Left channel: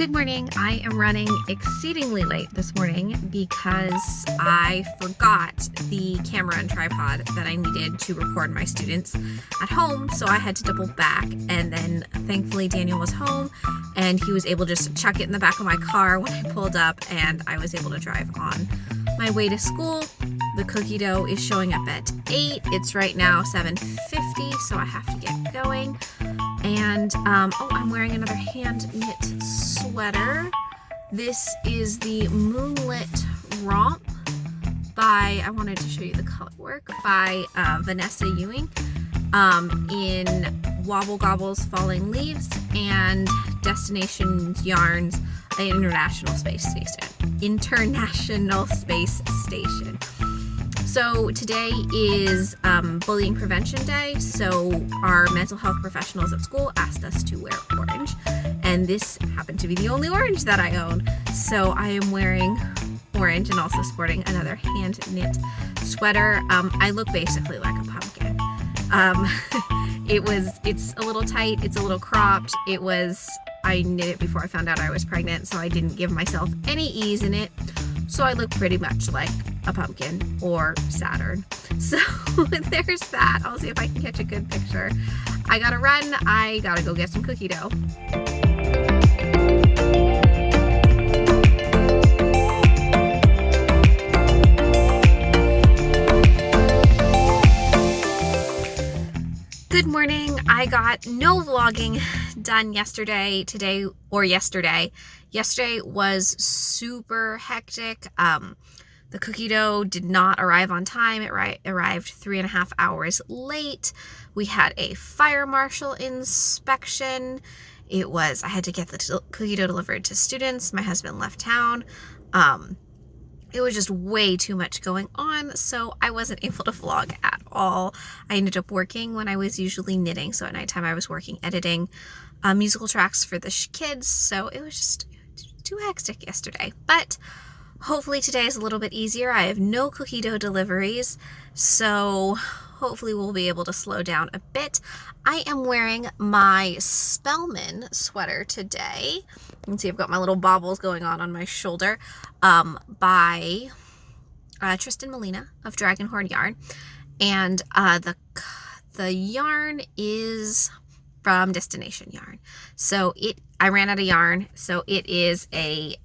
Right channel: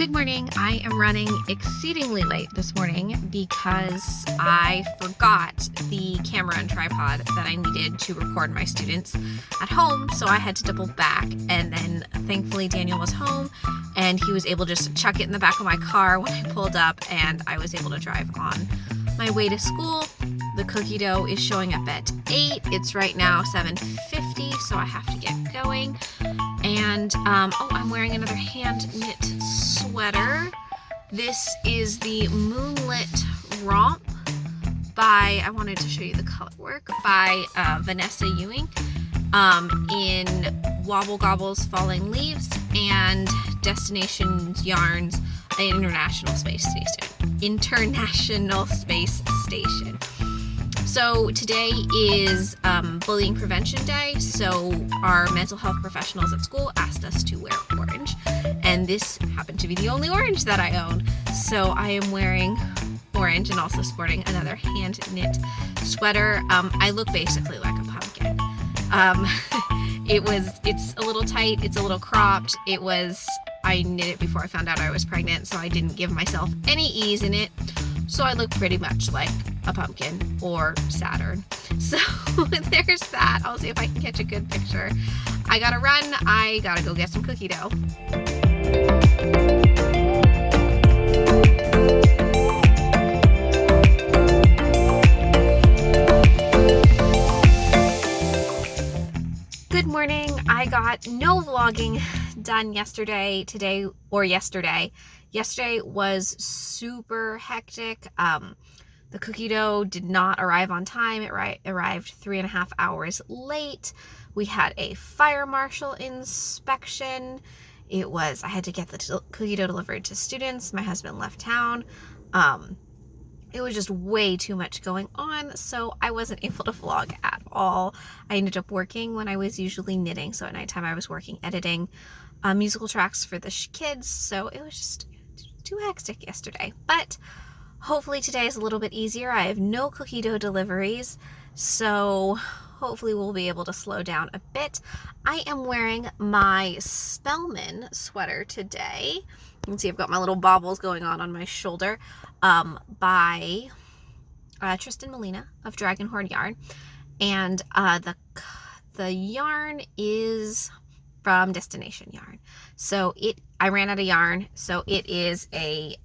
Good morning. I am running exceedingly late this morning because I forgot the camera and tripod that I needed to record my students at home, so I had to double back, and then thankfully Daniel was home and he was able to just chuck it in the back of my car when I pulled up, and I was able to drive on my way to school. The cookie dough is showing up at 8. It's right now 7:50, so I have to get going. And I'm wearing another hand knit sweater. This is the Moonlit Romp by, I wanted to show you the color work, by Vanessa Ewing, in Wobble Gobble's Falling Leaves and Destination Yarns International Space Station. So today is Bullying Prevention Day, so our mental health professionals at school asked us to wear orange, and this happened to be the only orange that I own, so I am wearing orange and also sporting another hand knit sweater. I look basically like a pumpkin. It's a little tight, it's a little cropped. I knit it before I found out I was pregnant, so I didn't give myself any ease in it. So I look pretty much like a pumpkin or Saturn. So there's that. I'll see if I can catch a good picture. I gotta run. I gotta go get some cookie dough. Good morning. I got no vlogging done yesterday. Yesterday was super hectic. The cookie dough did not arrive on time. It arrived 3.5 hours late. We had a fire marshal inspection. I had to get the cookie dough delivered to students. My husband left town. It was just way too much going on, so I wasn't able to vlog at all. I ended up working when I was usually knitting, so at nighttime I was working editing musical tracks for the kids, so it was just too hectic yesterday. But hopefully today is a little bit easier. I have no cookie dough deliveries, so hopefully we'll be able to slow down a bit. I am wearing my Spellman sweater today. You can see I've got my little baubles going on my shoulder, by Trysten Molina of Dragonhorn Yarn, and the yarn is from Destination Yarn. So I ran out of yarn, so it is a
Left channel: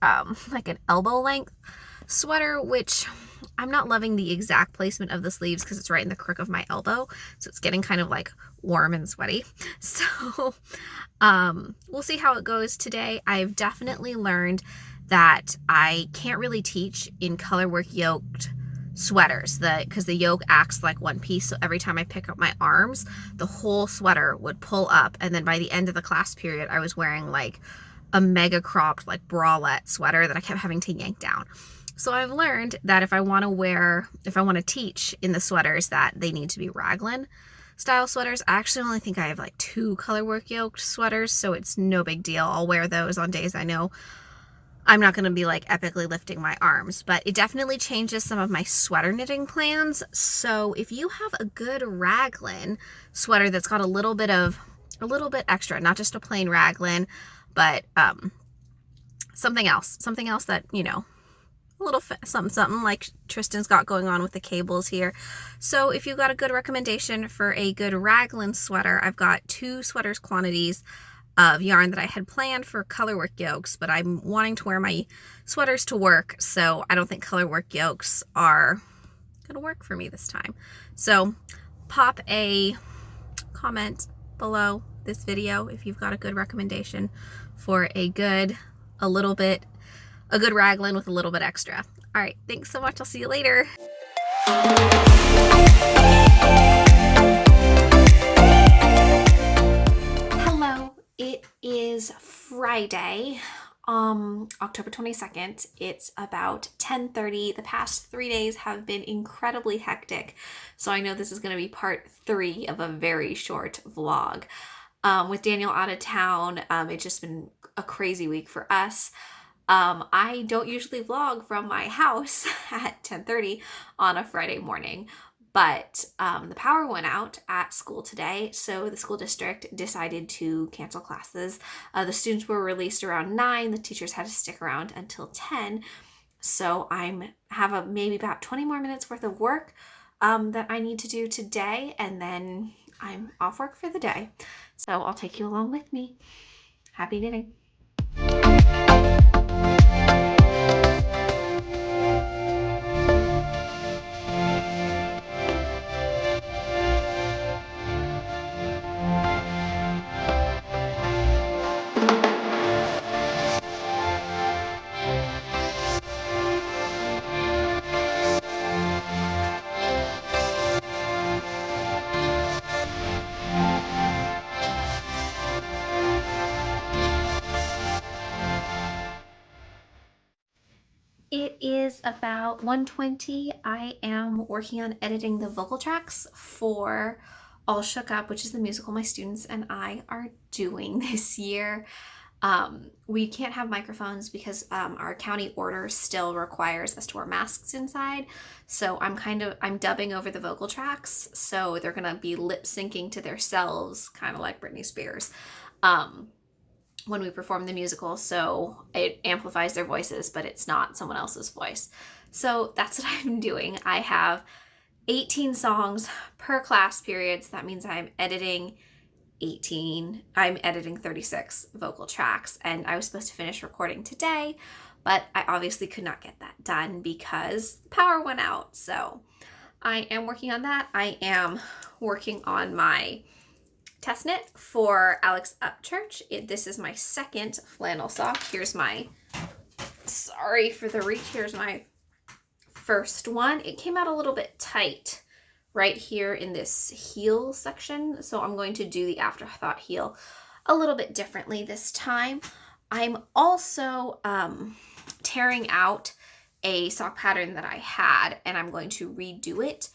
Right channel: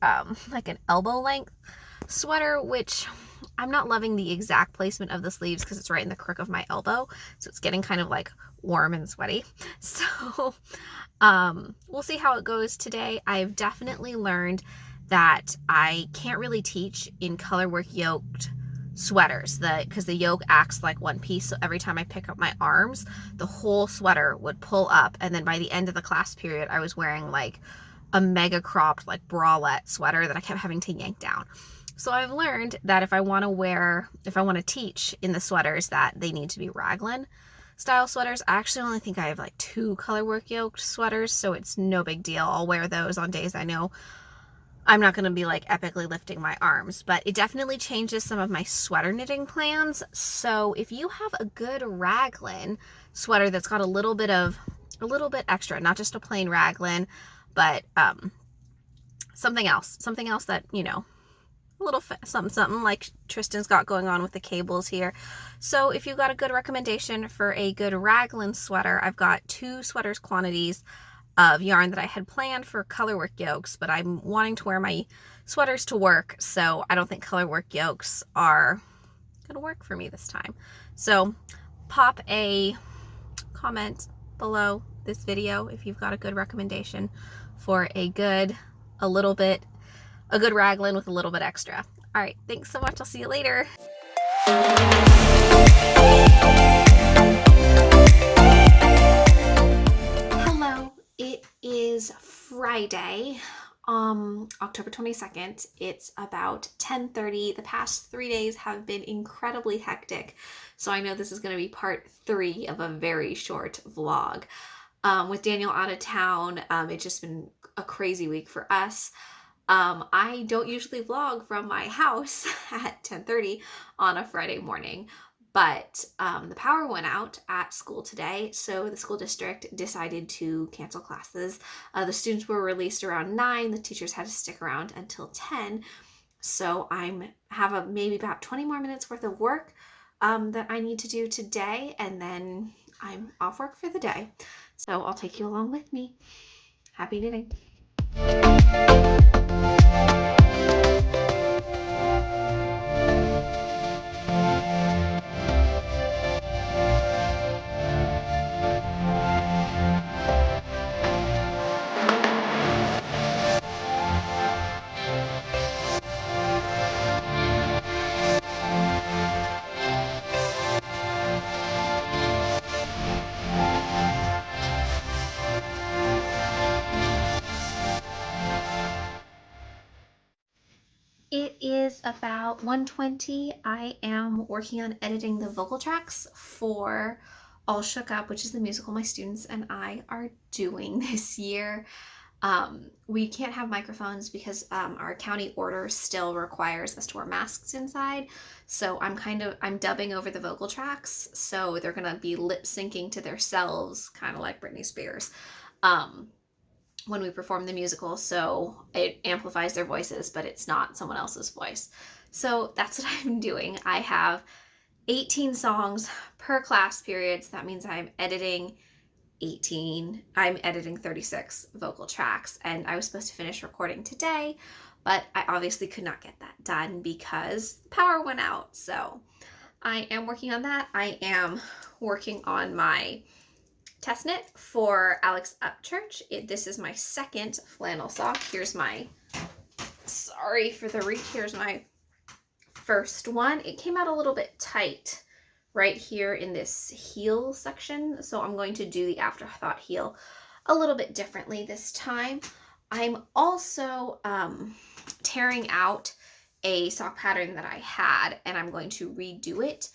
like an elbow length sweater, which I'm not loving the exact placement of the sleeves because it's right in the crook of my elbow, so it's getting kind of like warm and sweaty. So we'll see how it goes today. I've definitely learned that I can't really teach in colorwork yoked sweaters because the yoke acts like one piece, so every time I pick up my arms, the whole sweater would pull up, and then by the end of the class period I was wearing like a mega cropped like bralette sweater that I kept having to yank down. So I've learned that if I want to teach in the sweaters, that they need to be raglan style sweaters. I actually only think I have like 2 colorwork yoked sweaters, so it's no big deal. I'll wear those on days I know I'm not going to be like epically lifting my arms, but it definitely changes some of my sweater knitting plans. So if you have a good raglan sweater that's got a little bit extra, not just a plain raglan, but something else that, you know, a little something like Trysten's got going on with the cables here. So if you've got a good recommendation for a good raglan sweater, I've got 2 sweaters quantities of yarn that I had planned for colorwork yokes, but I'm wanting to wear my sweaters to work, so I don't think colorwork yokes are gonna work for me this time. So pop a comment below this video if you've got a good recommendation for a good raglan with a little bit extra. All right, thanks so much. I'll see you later. It is Friday, October 22nd. It's about 10:30. The past 3 days have been incredibly hectic, so I know this is going to be part 3 of a very short vlog. With Daniel out of town, it's just been a crazy week for us. I don't usually vlog from my house at 10:30 on a Friday morning, But the power went out at school today, so the school district decided to cancel classes. The students were released around 9. The teachers had to stick around until 10. So have maybe about 20 more minutes worth of work that I need to do today, and then I'm off work for the day. So I'll take you along with me. Happy knitting. It is about 1:20. I am working on editing the vocal tracks for All Shook Up, which is the musical my students and I are doing this year. We can't have microphones because our county order still requires us to wear masks inside. So I'm dubbing over the vocal tracks. So they're gonna be lip syncing to themselves, kind of like Britney Spears. When we perform the musical, so it amplifies their voices, but it's not someone else's voice. So that's what I'm doing. I have 18 songs per class period, so that means I'm editing 36 vocal tracks, and I was supposed to finish recording today, but I obviously could not get that done because the power went out. So I am working on that. I am working on my test knit for Alex Upchurch. This is my second flannel sock. Sorry for the reach, here's my first one. It came out a little bit tight right here in this heel section, so I'm going to do the afterthought heel a little bit differently this time. I'm also tearing out a sock pattern that I had, and I'm going to redo it.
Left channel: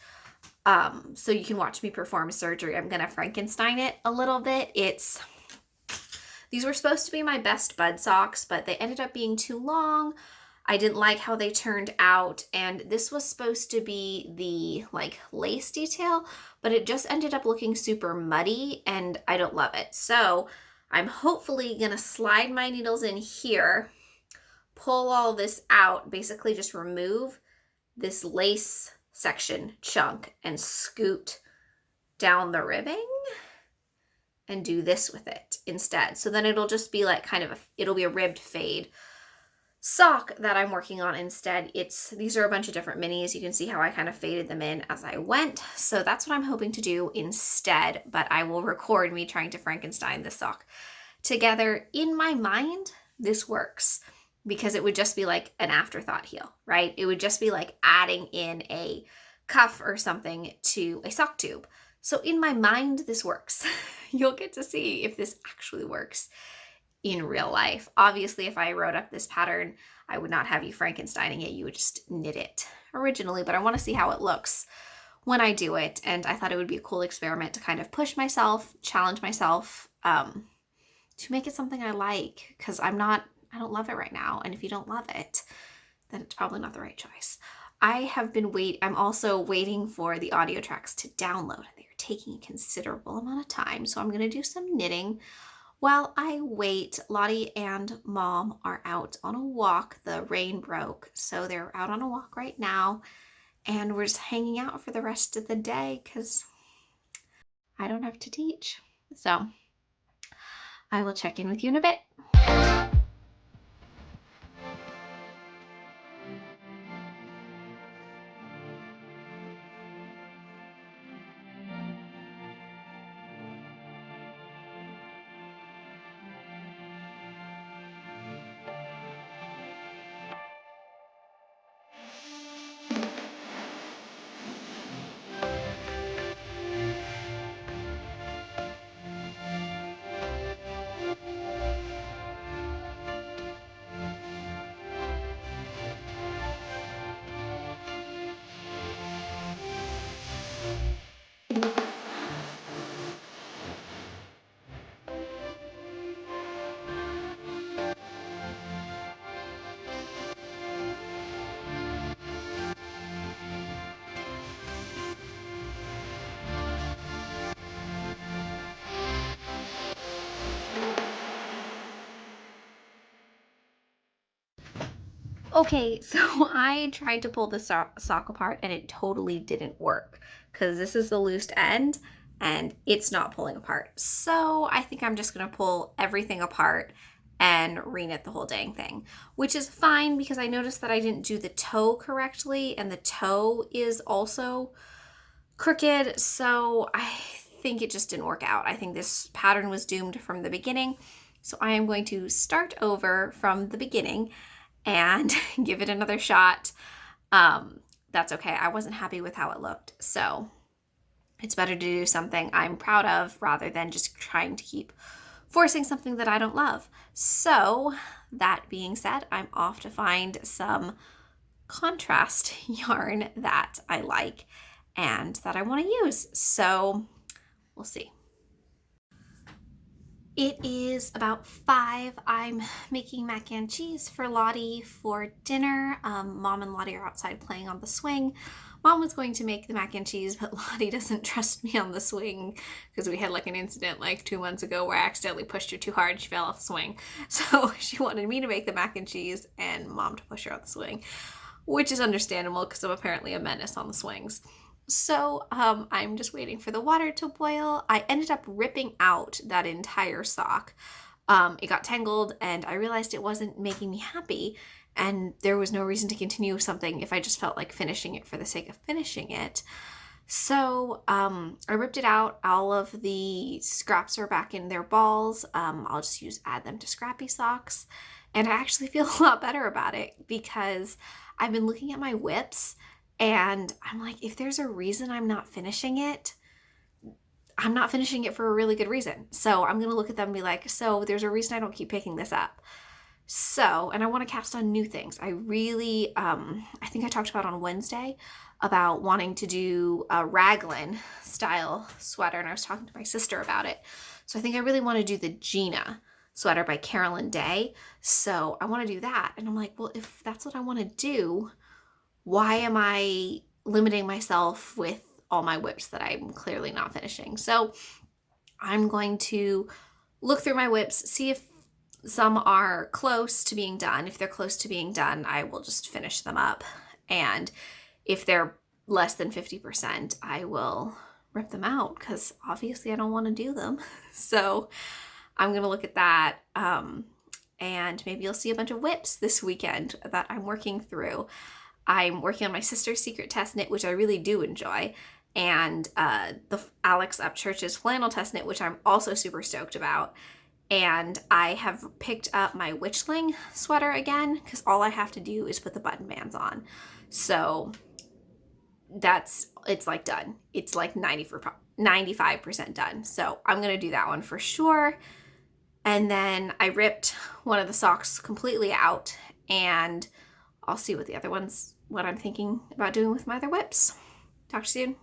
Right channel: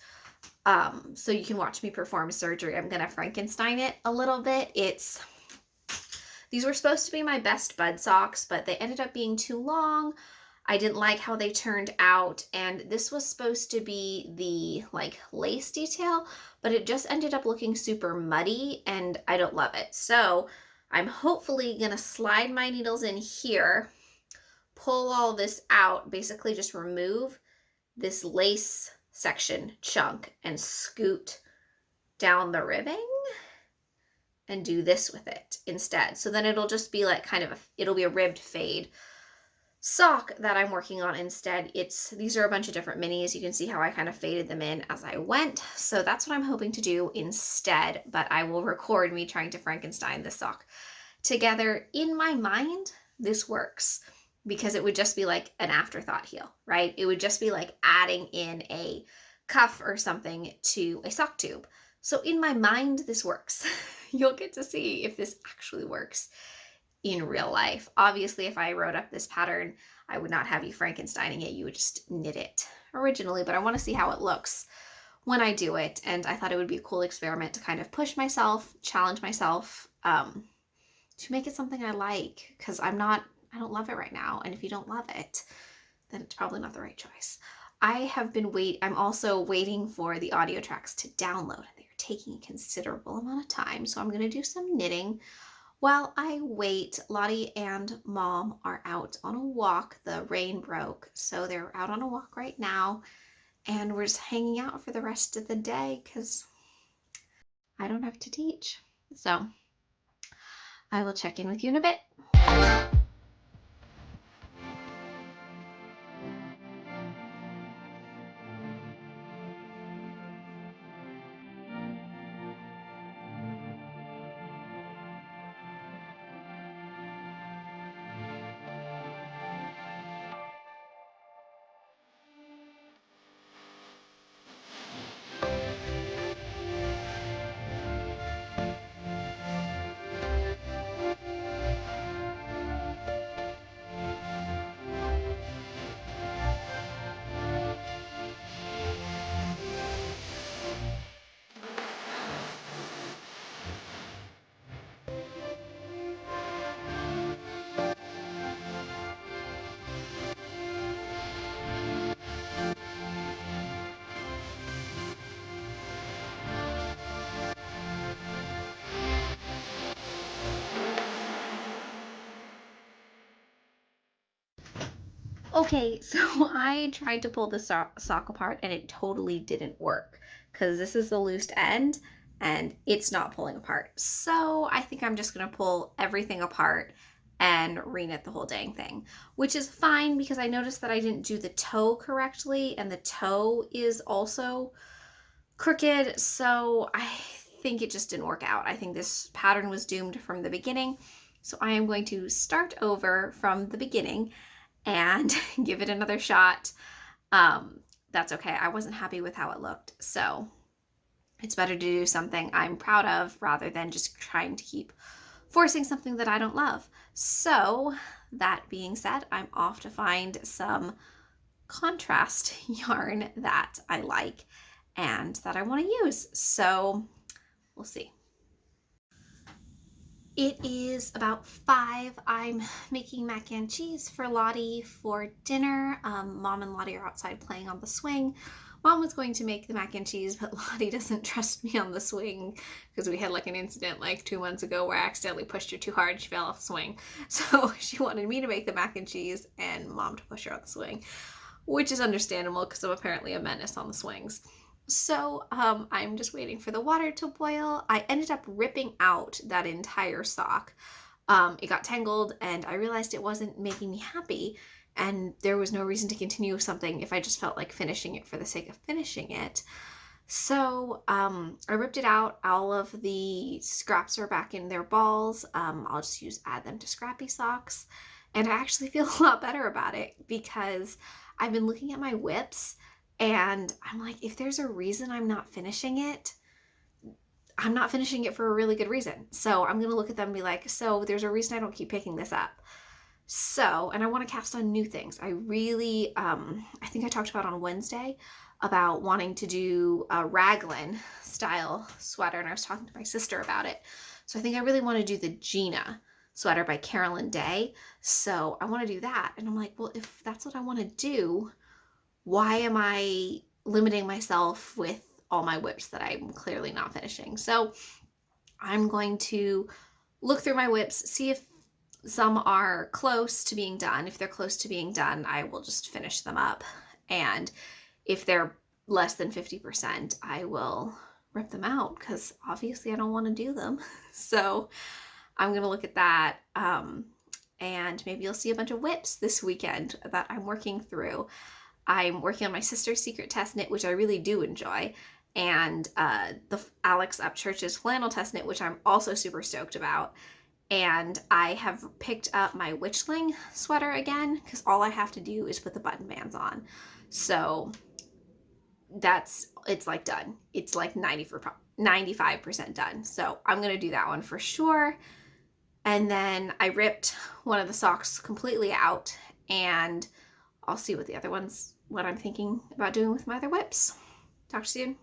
So you can watch me perform surgery. I'm gonna Frankenstein it a little bit. These were supposed to be my best bud socks, but they ended up being too long. I didn't like how they turned out, and this was supposed to be the lace detail, but it just ended up looking super muddy, and I don't love it. So I'm hopefully gonna slide my needles in here, pull all this out, basically just remove this lace section chunk and scoot down the ribbing and do this with it instead. So then it'll just be like it'll be a ribbed fade sock that I'm working on instead. These are a bunch of different minis. You can see how I kind of faded them in as I went. So that's what I'm hoping to do instead, but I will record me trying to Frankenstein this sock together. In my mind, this works, because it would just be like an afterthought heel, right? It would just be like adding in a cuff or something to a sock tube. So in my mind, this works. You'll get to see if this actually works in real life. Obviously, if I wrote up this pattern, I would not have you Frankensteining it. You would just knit it originally, but I want to see how it looks when I do it. And I thought it would be a cool experiment to kind of push myself, challenge myself, to make it something I like, because I don't love it right now. And if you don't love it, then it's probably not the right choice. I'm also waiting for the audio tracks to download. They're taking a considerable amount of time, so I'm going to do some knitting while I wait. Lottie and Mom are out on a walk. The rain broke, so they're out on a walk right now, and we're just hanging out for the rest of the day because I don't have to teach. So I will check in with you in a bit. Okay, so I tried to pull the sock apart and it totally didn't work because this is the loose end and it's not pulling apart. So I think I'm just gonna pull everything apart and reknit the whole dang thing, which is fine because I noticed that I didn't do the toe correctly and the toe is also crooked. So I think it just didn't work out. I think this pattern was doomed from the beginning. So I am going to start over from the beginning and give it another shot. That's okay. I wasn't happy with how it looked. So it's better to do something I'm proud of rather than just trying to keep forcing something that I don't love. So that being said, I'm off to find some contrast yarn that I like and that I want to use. So we'll see. It is about 5. I'm making mac and cheese for Lottie for dinner. Mom and Lottie are outside playing on the swing. Mom was going to make the mac and cheese, but Lottie doesn't trust me on the swing because we had like an incident like 2 months ago where I accidentally pushed her too hard. She fell off the swing. So she wanted me to make the mac and cheese and Mom to push her on the swing, which is understandable because I'm apparently a menace on the swings. So I'm just waiting for the water to boil. I ended up ripping out that entire sock. It got tangled and I realized it wasn't making me happy and there was no reason to continue with something if I just felt like finishing it for the sake of finishing it. So I ripped it out. All of the scraps are back in their balls. I'll just add them to scrappy socks. And I actually feel a lot better about it because I've been looking at my whips and I'm like, if there's a reason I'm not finishing it, I'm not finishing it for a really good reason. So I'm going to look at them and be like, so there's a reason I don't keep picking this up. So, and I want to cast on new things. I really, I think I talked about on Wednesday about wanting to do a raglan style sweater. And I was talking to my sister about it. So I think I really want to do the Gina sweater by Carolyn Day. So I want to do that. And I'm like, well, if that's what I want to do, why am I limiting myself with all my whips that I'm clearly not finishing? So I'm going to look through my whips, see if some are close to being done. If they're close to being done, I will just finish them up. And if they're less than 50%, I will rip them out because obviously I don't want to do them. So I'm going to look at that. And maybe you'll see a bunch of whips this weekend that I'm working through. I'm working on my sister's secret test knit, which I really do enjoy, and the Alex Upchurch's flannel test knit, which I'm also super stoked about. And I have picked up my Witchling sweater again because all I have to do is put the button bands on. So it's like done. It's like 95% done. So I'm going to do that one for sure. And then I ripped one of the socks completely out and I'll see what I'm thinking about doing with my other whips. Talk to you soon.